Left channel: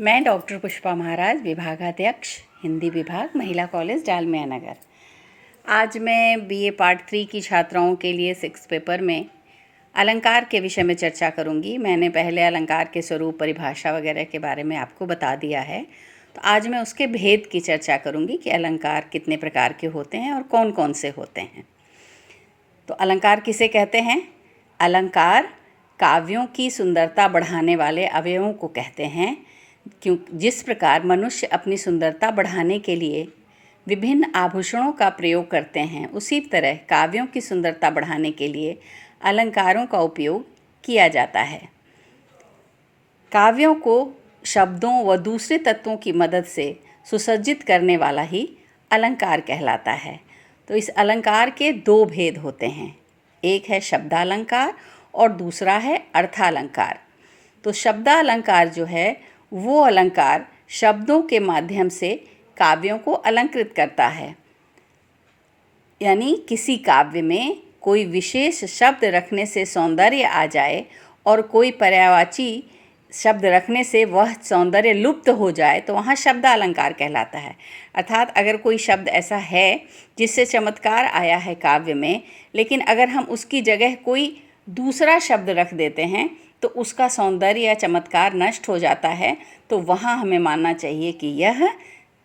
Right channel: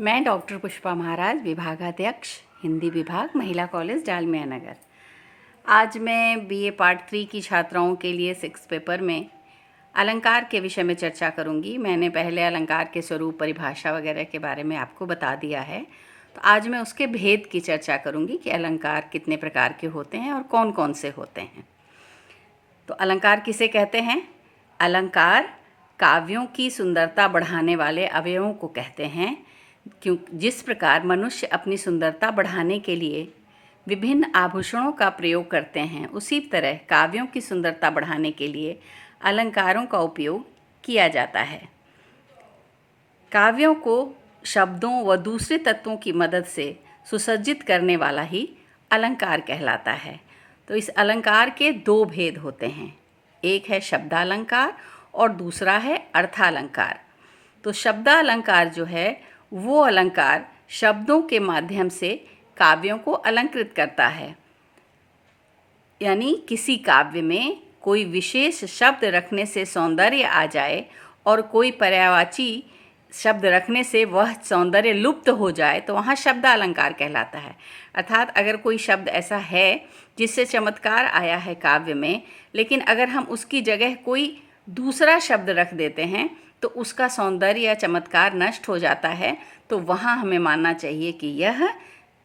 मैं डॉक्टर पुष्पा महाराज, विभागाध्यक्ष हिंदी विभाग, महिला कॉलेज डालमिया नगर। आज मैं बीए पार्ट 3 की छात्राओं के लिए 6 पेपर में अलंकार के विषय में चर्चा करूंगी। मैंने पहले अलंकार के स्वरूप, परिभाषा वगैरह के बारे में आपको बता दिया है, तो आज मैं उसके भेद की चर्चा करूंगी कि अलंकार कितने प्रकार के होते हैं और कौन कौन से होते हैं। तो अलंकार किसे कहते हैं? अलंकार काव्यों की सुंदरता बढ़ाने वाले अवयवों को कहते हैं। जिस प्रकार मनुष्य अपनी सुंदरता बढ़ाने के लिए विभिन्न आभूषणों का प्रयोग करते हैं, उसी तरह काव्यों की सुंदरता बढ़ाने के लिए अलंकारों का उपयोग किया जाता है। काव्यों को शब्दों व दूसरे तत्वों की मदद से सुसज्जित करने वाला ही अलंकार कहलाता है। तो इस अलंकार के 2 भेद होते हैं, एक है शब्दालंकार और दूसरा है अर्थालंकार। तो शब्दालंकार जो है वो अलंकार शब्दों के माध्यम से काव्यों को अलंकृत करता है, यानी किसी काव्य में कोई विशेष शब्द रखने से सौंदर्य आ जाए और कोई पर्यायवाची शब्द रखने से वह सौंदर्य लुप्त हो जाए तो वहाँ शब्दालंकार कहलाता है। अर्थात अगर कोई शब्द ऐसा है जिससे चमत्कार आया है काव्य में, लेकिन अगर हम उसकी जगह कोई दूसरा शब्द रख देते हैं तो उसका सौंदर्य या चमत्कार नष्ट हो जाता है, तो वहाँ हमें मानना चाहिए कि यह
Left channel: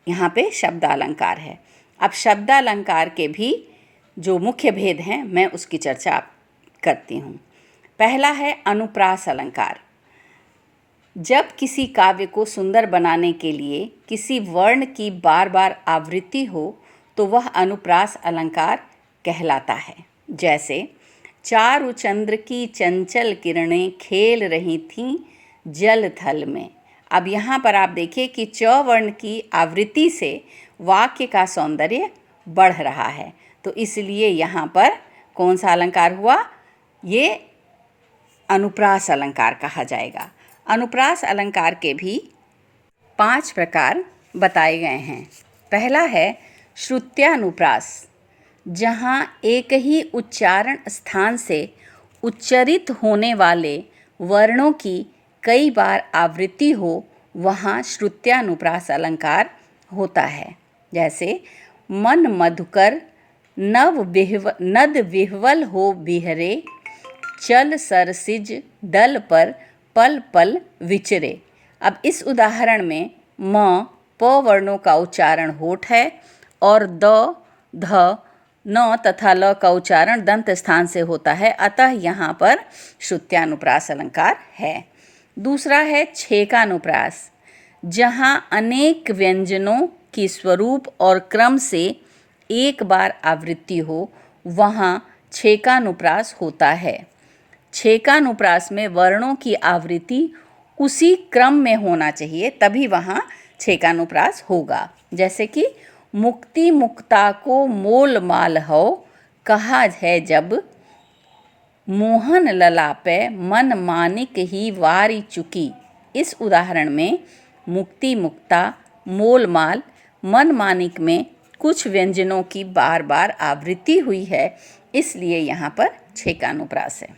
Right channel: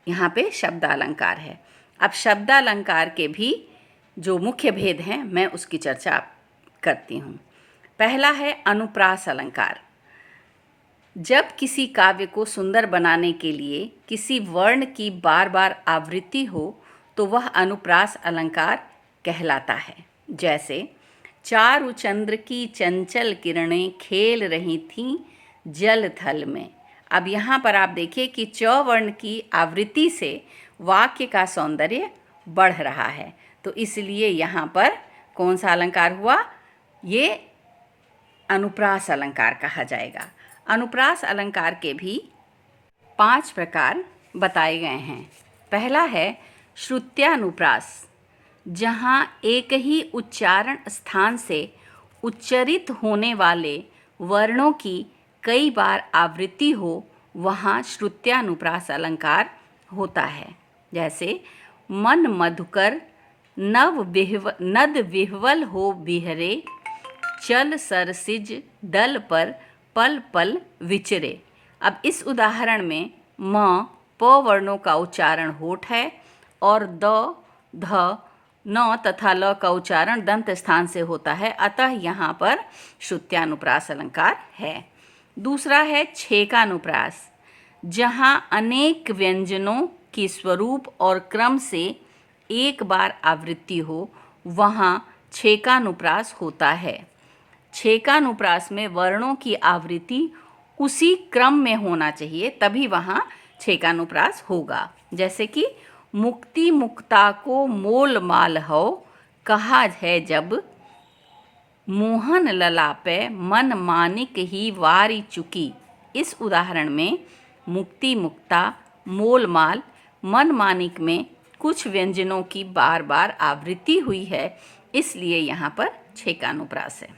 यहाँ पे शब्दालंकार है। अब शब्दालंकार के भी जो मुख्य भेद हैं मैं उसकी चर्चा करती हूँ। पहला है अनुप्रास अलंकार। जब किसी काव्य को सुंदर बनाने के लिए किसी वर्ण की बार बार आवृत्ति हो तो वह अनुप्रास अलंकार कहलाता है। जैसे चारु चंद्र की चंचल किरणें खेल रही थीं जल थल में। अब यहाँ पर आप देखिए कि च वर्ण की आवृत्ति से वाक्य का सौंदर्य बढ़ रहा है, तो इसलिए यहाँ पर कौन सा अलंकार हुआ? ये अनुप्रास अलंकार कहा जाएगा। अनुप्रास अलंकार के भी 5 प्रकार बताए गए हैं। पहला है श्रुत्यानुप्रास, जहाँ एक ही उच्चारण स्थान से उच्चरित होने वाले वर्णों की कई बार आवृत्ति हो, वहाँ श्रुत्यानुप्रास अलंकार होता है। जैसे मन मधुकर नद विह्वल हो बिहरे, चल सरसिज दल पर पल पल विचरे। अब इस उदाहरण में म प वर्णों का उच्चारण होठ है और द ध न तथा ल का उच्चारण दंत स्थान से होता है, अतः यहाँ पर श्रुत्यानुप्रास अलंकार है। दूसरा है छेकानुप्रास, जहाँ अनेक व्यंजनों की स्वरूप और क्रम से एक बार आवृत्ति हो, वहाँ छेकानुप्रास होता है। छेकानुप्रास में वर्णों की आवृत्ति उसी क्रम में होना चाहिए, तभी वहाँ छेकानुप्रास होगा। जैसे कि मुक्ति मुक्ता को मोल माल हो, कहा है जब मोहन ललापे मन मानिक ही वारी चुकी। इस उदाहरण में मुक्ति मुक्ता, मोल माल, मन मानिक में कुछ व्यंजनों की बार बार आवृत्ति हुई है, इसलिए यहाँ पर छेकानुप्रास है।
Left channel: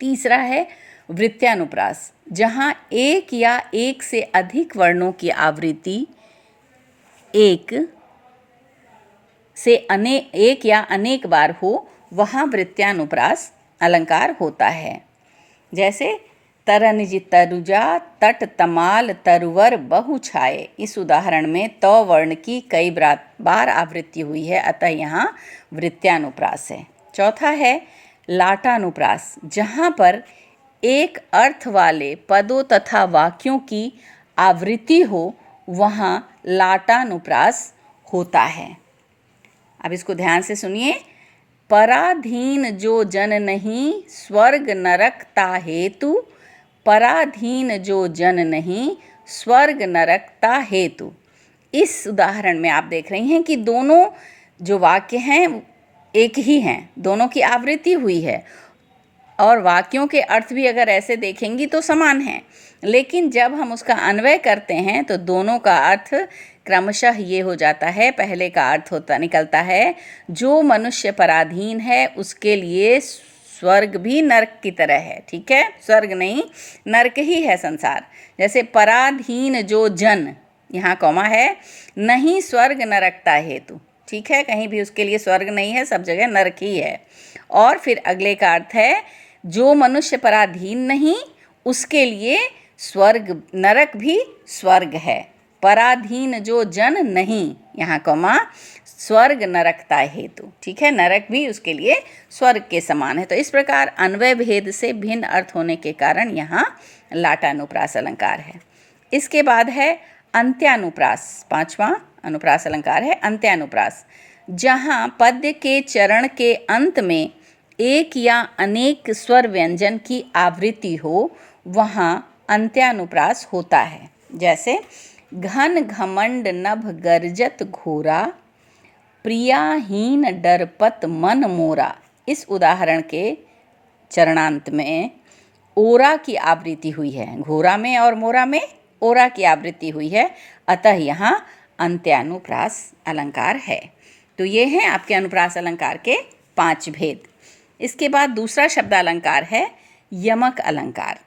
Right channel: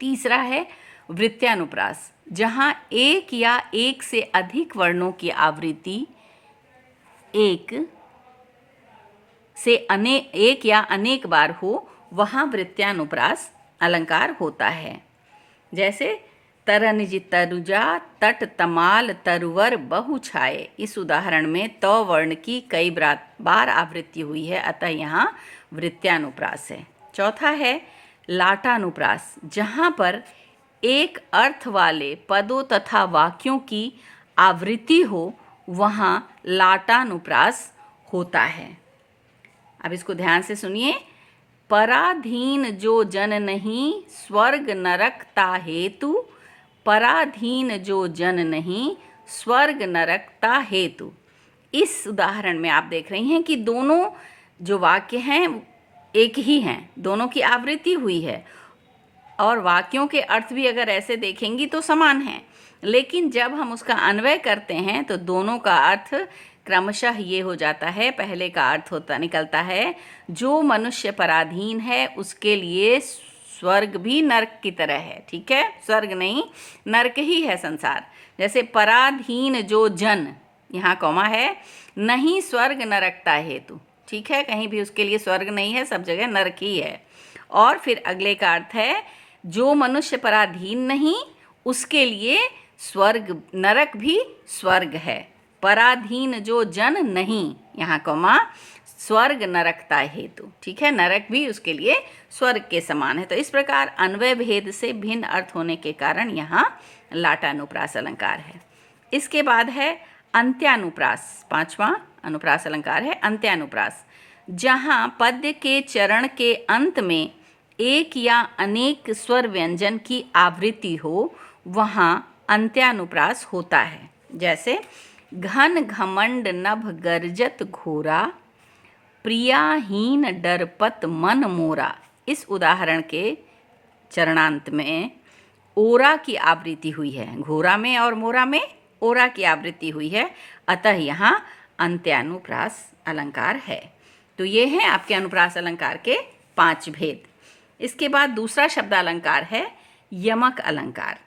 तीसरा है वृत्त्यानुप्रास, जहाँ एक या एक से अधिक वर्णों की आवृत्ति एक या अनेक बार हो, वहाँ वृत्त्यानुप्रास अलंकार होता है। जैसे तरनिज तरुजा तट तमाल तरुवर बहु छाए। इस उदाहरण में त वर्ण की कई बार आवृत्ति हुई है, अतः यहाँ वृत्त्यानुप्रास है। चौथा है लाटानुप्रास, जहाँ पर एक अर्थ वाले पदों तथा वाक्यों की आवृत्ति हो, वहाँ लाटानुप्रास होता है। अब इसको ध्यान से सुनिए। पराधीन जो जन नहीं स्वर्ग नरक ता हेतु, पराधीन जो जन नहीं स्वर्ग नरक ता हेतु। इस उदाहरण में आप देख रही हैं कि दोनों जो वाक्य हैं एक ही हैं, दोनों की आवृत्ति हुई है और वाक्यों के अर्थ भी अगर ऐसे देखेंगी तो समान हैं, लेकिन जब हम उसका अन्वय करते हैं तो दोनों का अर्थ क्रमशः ये हो जाता है। पहले का अर्थ निकलता है जो मनुष्य पराधीन है उसके लिए स्वर्ग भी नरक की तरह है। ठीक है, स्वर्ग नहीं नरक ही है संसार। जैसे पराधीन जो जन, यहाँ कौमा है, नहीं स्वर्ग नरकता हेतु। ठीक है, कहीं भी उसके लिए स्वर्ग नहीं है, सब जगह नरक ही है। और फिर अगले का अर्थ है जो मनुष्य पराधीन नहीं उसके लिए स्वर्ग नरक भी स्वर्ग है। पराधीन जो जन नहीं, यहाँ कौमा, स्वर्ग नरकता हेतु। ठीक है, नरक भी उसके लिए स्वर्ग के समान है। तो इस प्रकार अन्वय भेद से भिन्न अर्थ होने के कारण यहाँ लाटानुप्रास अलंकार है। इसके बाद है अंत्यानुप्रास। पांचवा अनुप्रास अलंकार है अंत्यानुप्रास, जहाँ पद्य के चरण के अंत में एक या अनेक स्वर व्यंजन की आवृत्ति हो, वहाँ अंत्यानुप्रास होता है। जैसे घन घमंड नभ गर्जत घोरा, प्रियाहीन डरपत मन मोरा। इस उदाहरण के चरणांत में ओरा की आवृत्ति हुई है, घोरा में और मोरा में ओरा की आवृत्ति हुई है, अतः यहाँ अंत्यानुप्रास अलंकार है। तो ये हैं आपके अनुप्रास अलंकार के 5 भेद। इसके बाद दूसरा शब्द अलंकार है यमक अलंकार,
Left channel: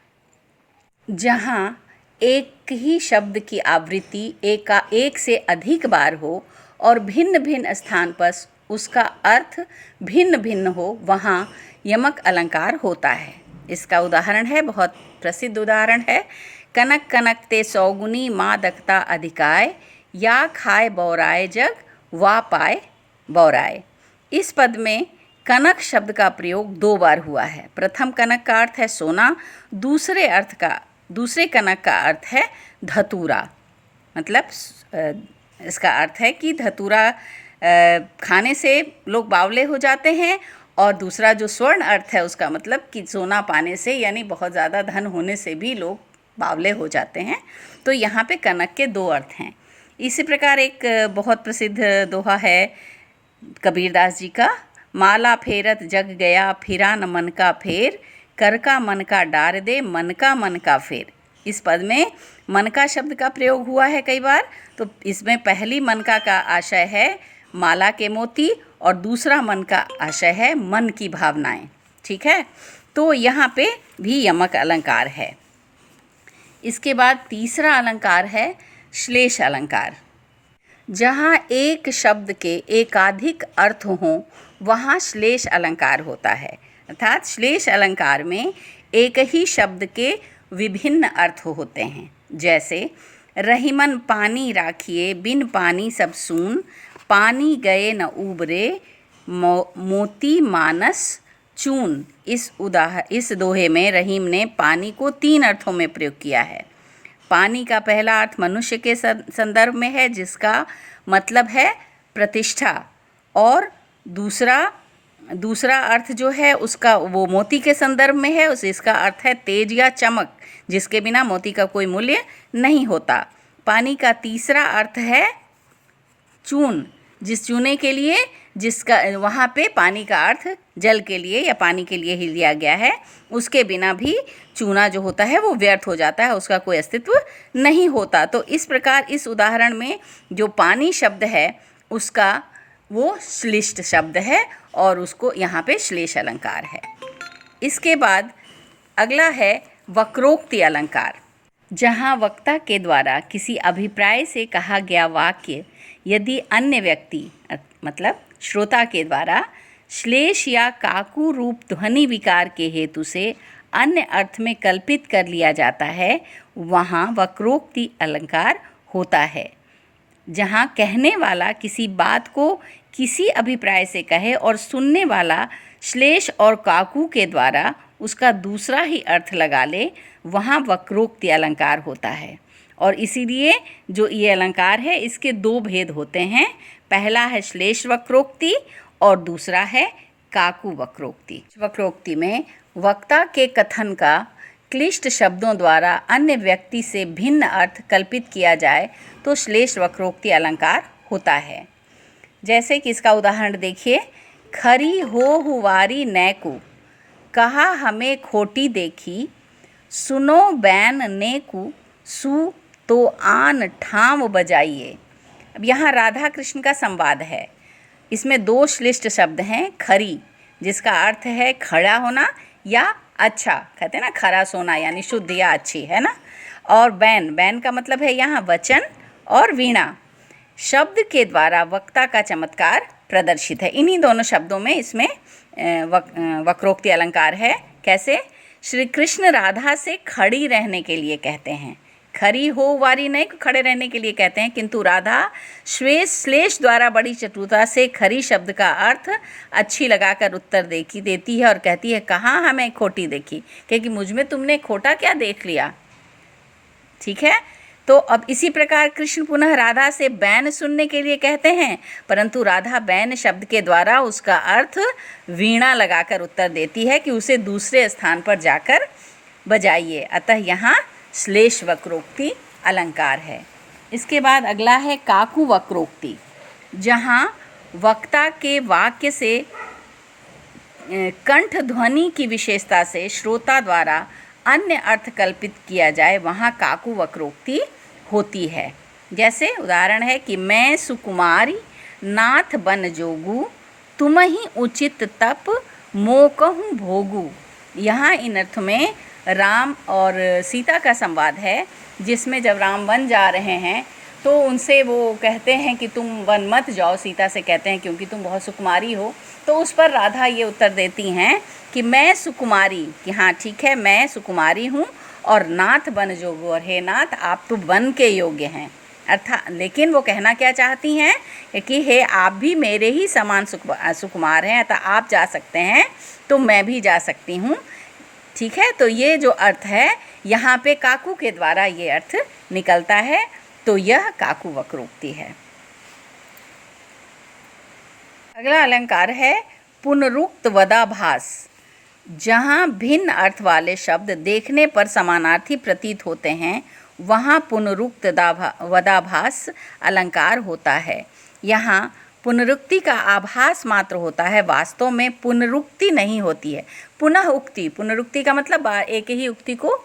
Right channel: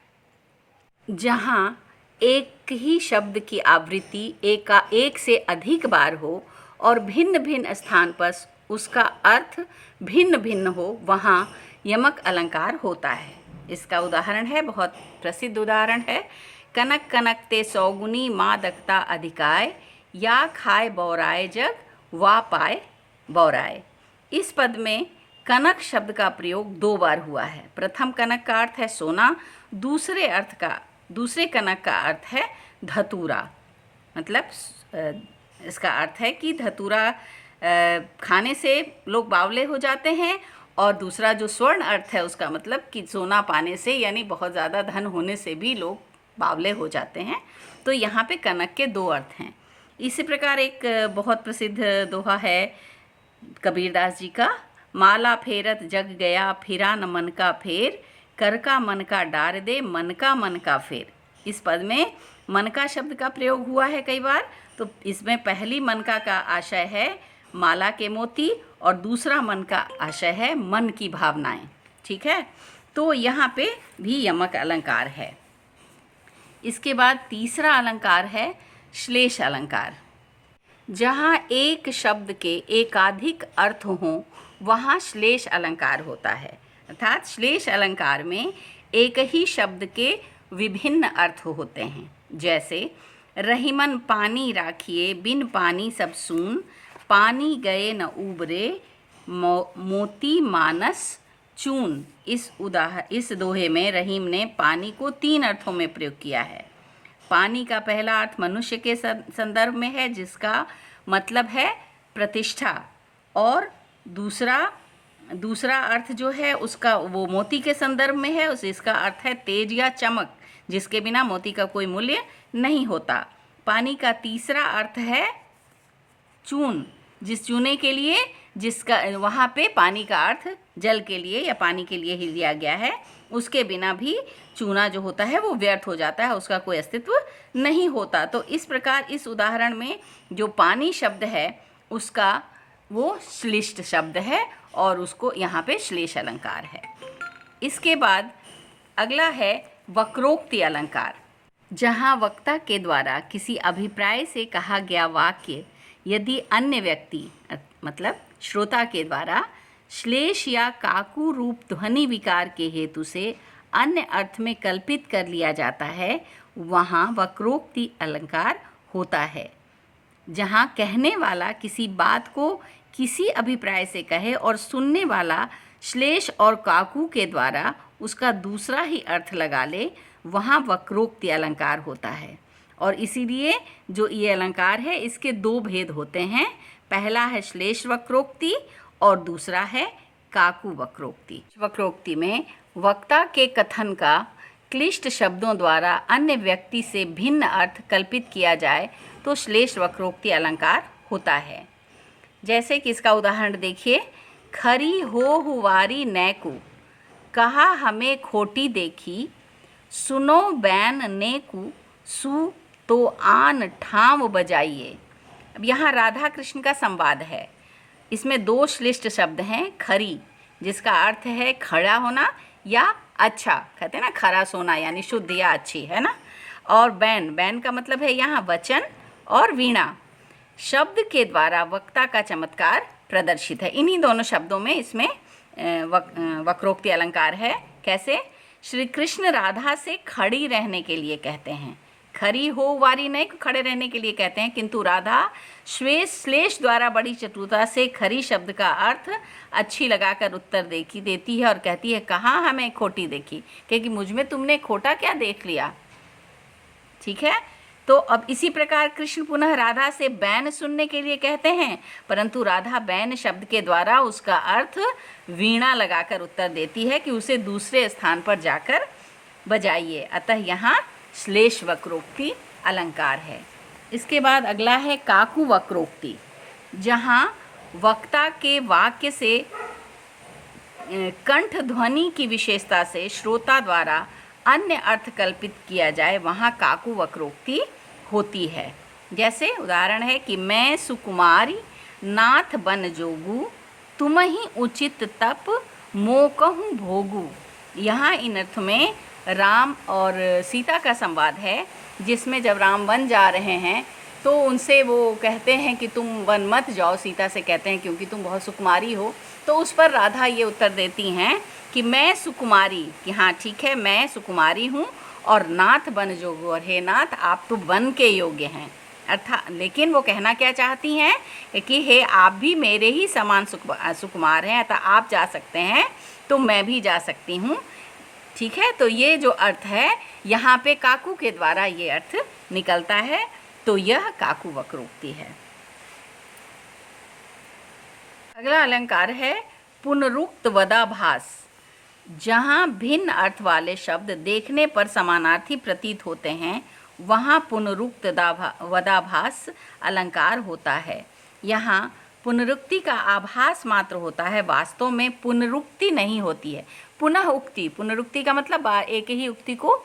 जहाँ एक ही शब्द की आवृत्ति एक से अधिक बार हो और भिन्न भिन्न स्थान पर उसका अर्थ भिन्न भिन्न हो, वहाँ यमक अलंकार होता है। इसका उदाहरण है, बहुत प्रसिद्ध उदाहरण है, कनक कनक ते सौगुनी माँ दकता अधिकाय, या खाए बौराए जग वा पाए बौराए। इस पद में कनक शब्द का प्रयोग 2 बार हुआ है। प्रथम कनक का अर्थ है सोना, दूसरे कनक का अर्थ है धतूरा। मतलब इसका अर्थ है कि धतूरा खाने से लोग बावले हो जाते हैं, और दूसरा जो स्वर्ण अर्थ है उसका मतलब कि सोना पाने से, यानी बहुत ज़्यादा धन होने से भी लोग बावले हो जाते हैं। तो यहाँ पे कनक के 2 अर्थ हैं। इसी प्रकार एक बहुत प्रसिद्ध दोहा है कबीरदास जी का, माला फेरत जग गया फिरा न मन का फेर, कर का मन का डार दे मन का फेर। इस पद में मन का शब्द का प्रयोग हुआ है कई बार। तो इसमें पहली मन का आशय है माला के मोती, और दूसरा मन का आशय है मन की भावनाएं। ठीक है, तो यहाँ पे भी यमक अलंकार है। इसके बाद तीसरा अलंकार है श्लेष अलंकार, जहाँ एक शब्द के एकाधिक अर्थ हों, वहाँ श्लेष अलंकार होता है। अर्थात श्लेष अलंकार में एक ही शब्द के विभिन्न अर्थ होते हैं। जैसे रहीमन पानी राखिए बिन पानी सब सून, पानी गए न उबरे मोती मानस चून। इस दोहे में रहीम ने पानी को 3 अर्थों में प्रयोग किया है। पानी का पहला अर्थ मनुष्य के संदर्भ में है, जिसका मतलब है प्रतिष्ठा, और दूसरा अर्थ जो है उसका वो मोती के संदर्भ में है, इसका अर्थ है तेज या चमक, जिसके बिना मोती का कोई मूल्य नहीं होता। पानी का तीसरा अर्थ है चून, जिस चूने के लिए जिसका वहाँ पे पानी का अर्थ जल के लिए या पानी के लिए ही लिया गया है, उसके बिना भी चूना जो होता है वो व्यर्थ हो जाता है, उसका कोई अस्तित्व नहीं होता। तो इस प्रकार इस उदाहरण में जो पानी शब्द है उसका वो श्लिष्ट शब्द है, और उसको यहाँ पे श्लेष अलंकार है। इसके बाद अगला है वक्रोक्ति अलंकार, जहाँ वक्ता के द्वारा किसी अभिप्राय से कहा गया वाक्य यदि अन्य व्यक्ति मतलब श्रोता के द्वारा श्लेष या काकू रूप ध्वनि विकार के हेतु से अन्य अर्थ में कल्पित कर लिया जाता है, वहाँ वक्रोक्ति अलंकार होता है। जहाँ कहने वाला किसी बात को किसी अभिप्राय से कहे और सुनने वाला श्लेष और काकू के द्वारा उसका दूसरा ही अर्थ लगा ले, वहाँ वक्रोक्ति अलंकार होता है। और इसीलिए जो ये अलंकार है इसके 2 भेद होते हैं। पहला है श्लेष वक्रोक्ति और दूसरा है काकू वक्रोक्ति। वक्रोक्ति में वक्ता के कथन का क्लिष्ट शब्दों द्वारा अन्य व्यक्ति से भिन्न अर्थ कल्पित किया जाए तो श्लेष वक्रोक्ति अलंकार होता है। जैसे कि इसका उदाहरण देखिए, खरी हो हुवारी नैकू, कहा हमें खोटी देखी, सुनो बैन नेकू, सु तो आन ठाम बजाइए। अब यहाँ राधा कृष्ण का संवाद है। इसमें 2 श्लिष्ट शब्द हैं, खरी जिसका अर्थ है खड़ा होना या अच्छा, कहते हैं ना खरा सोना, यानी शुद्ध या अच्छी, है ना। और बैन, बैन का मतलब है यहाँ वचन और वीणा, शब्द के द्वारा वक्ता का चमत्कार प्रदर्शित है। इन्हीं दोनों शब्दों में इसमें वक्रोक्ति अलंकार है। कैसे? श्री कृष्ण राधा से खड़ी रहने के लिए कहते हैं, खरी हो वारी नहीं, खड़े रहने के लिए कहते हैं, किंतु राधा श्लेष द्वारा बड़ी चतुरता से खरी शब्द का अर्थ अच्छी लगाकर उत्तर देती है और कहती है, कहाँ हमें खोटी देखी, क्योंकि मुझ में तुमने खोटा क्या देख लिया। ठीक है, तो अब इसी प्रकार कृष्ण पुनः राधा से बैन सुनने के लिए कहते हैं, परंतु राधा बैन शब्द के द्वारा उसका अर्थ वीणा लगाकर उत्तर देती है कि उसे दूसरे स्थान पर जाकर बजाइए। अतः यहाँ श्लेष वक्रोक्ति अलंकार है। इसके बाद अगला है काकू वक्रोक्ति, जहाँ वक्ता के वाक्य से कंठ ध्वनि की विशेषता से श्रोता द्वारा अन्य अर्थ कल्पित किया जाए, वहाँ काकू वक्रोक्ति होती है। जैसे उदाहरण है कि मैं सुकुमारी नाथ बन जोगू, तुम ही उचित तप मोकहूँ भोगू। यहाँ इन अर्थ में राम और सीता का संवाद है, जिसमें जब राम वन जा रहे हैं तो उनसे वो कहते हैं कि तुम वन मत जाओ, सीता से कहते हैं क्योंकि तुम बहुत सुकुमारी हो। तो उस पर राधा ये उत्तर देती हैं कि मैं सुकुमारी, कि हाँ ठीक है मैं सुकुमारी हूँ, और नाथ बन जोगो, और हे नाथ आप तो वन के योग्य हैं। अर्थात लेकिन वो कहना क्या चाहती हैं कि हे आप भी मेरे ही समान सुकुमार हैं, अतः आप जा सकते हैं तो मैं भी जा सकती हूँ। ठीक है, तो ये जो अर्थ है यहाँ पे काकू के द्वारा ये अर्थ निकलता है, तो यह काकू वक्रोक्ति है। अगला अलंकार है पुनरुक्त वदाभास, जहाँ भिन्न अर्थ वाले शब्द देखने पर समानार्थी प्रतीत होते हैं, वहाँ पुनरुक्त वदाभास अलंकार होता है। यहाँ पुनरुक्ति का आभास मात्र होता है, वास्तव में पुनरुक्ति नहीं होती है। पुनः उक्ति, पुनरुक्ति का मतलब एक ही उक्ति को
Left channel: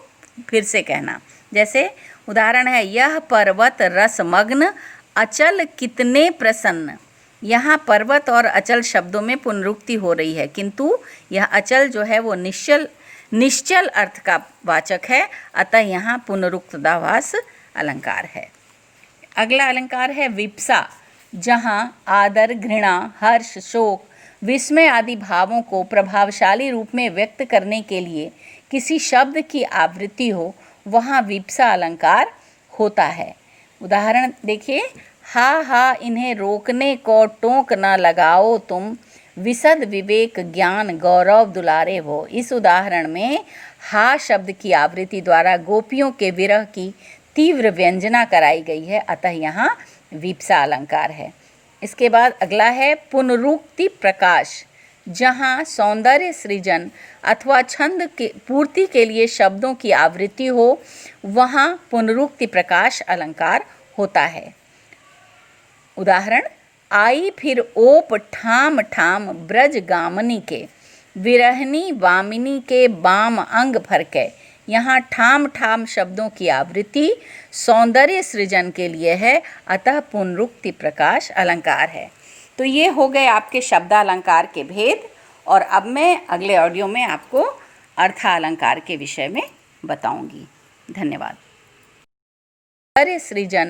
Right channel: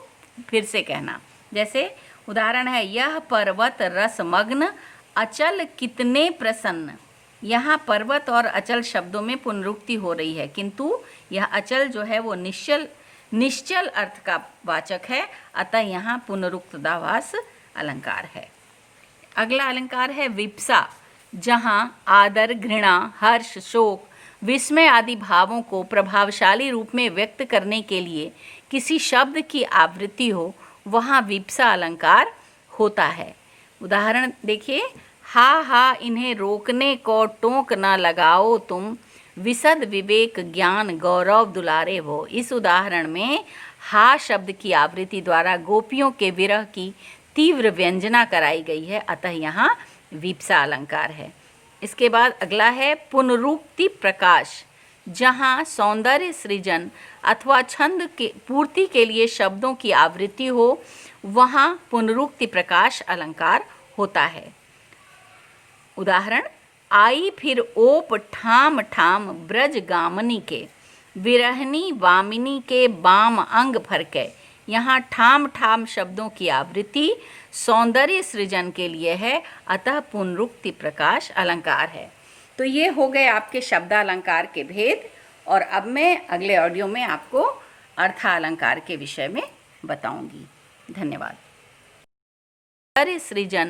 फिर से कहना। जैसे उदाहरण है, यह पर्वत रसमग्न अचल कितने प्रसन्न। यहाँ पर्वत और अचल शब्दों में पुनरुक्ति हो रही है, किंतु यह अचल जो है वो निश्चल अर्थ का वाचक है, अतः यहाँ पुनरुक्तदाभास अलंकार है। अगला अलंकार है विप्सा, जहाँ आदर, घृणा, हर्ष, शोक, विस्मय आदि भावों को प्रभावशाली रूप में व्यक्त करने के लिए किसी शब्द की आवृत्ति हो, वहाँ विप्सा अलंकार होता है। उदाहरण देखिए, हा इन्हें रोकने को टोक न लगाओ तुम, विशद विवेक ज्ञान गौरव दुलारे हो। इस उदाहरण में हा शब्द की आवृत्ति द्वारा गोपियों के विरह की तीव्र व्यंजना कराई गई है, अतः यहाँ विप्सा अलंकार है। इसके बाद अगला है पुनरुक्ति प्रकाश, जहाँ सौंदर्य सृजन अथवा छंद के पूर्ति के लिए शब्दों की आवृत्ति हो, वहाँ पुनरुक्ति प्रकाश अलंकार होता है। उदाहरण, आई फिर ओप ठाम ठाम ब्रज गामनी के, विरहनी वामिनी के बाम अंग फरके। यहाँ ठाम ठाम शब्दों की आवृत्ति सौंदर्य सृजन के लिए है, अतः पुनरुक्ति प्रकाश अलंकार है। तो ये हो गए आपके शब्दालंकार के भेद, और अब मैं अगले ऑडियो में आपको अर्थालंकार के विषय में बताऊंगी। धन्यवाद। सौंदर्य सृजन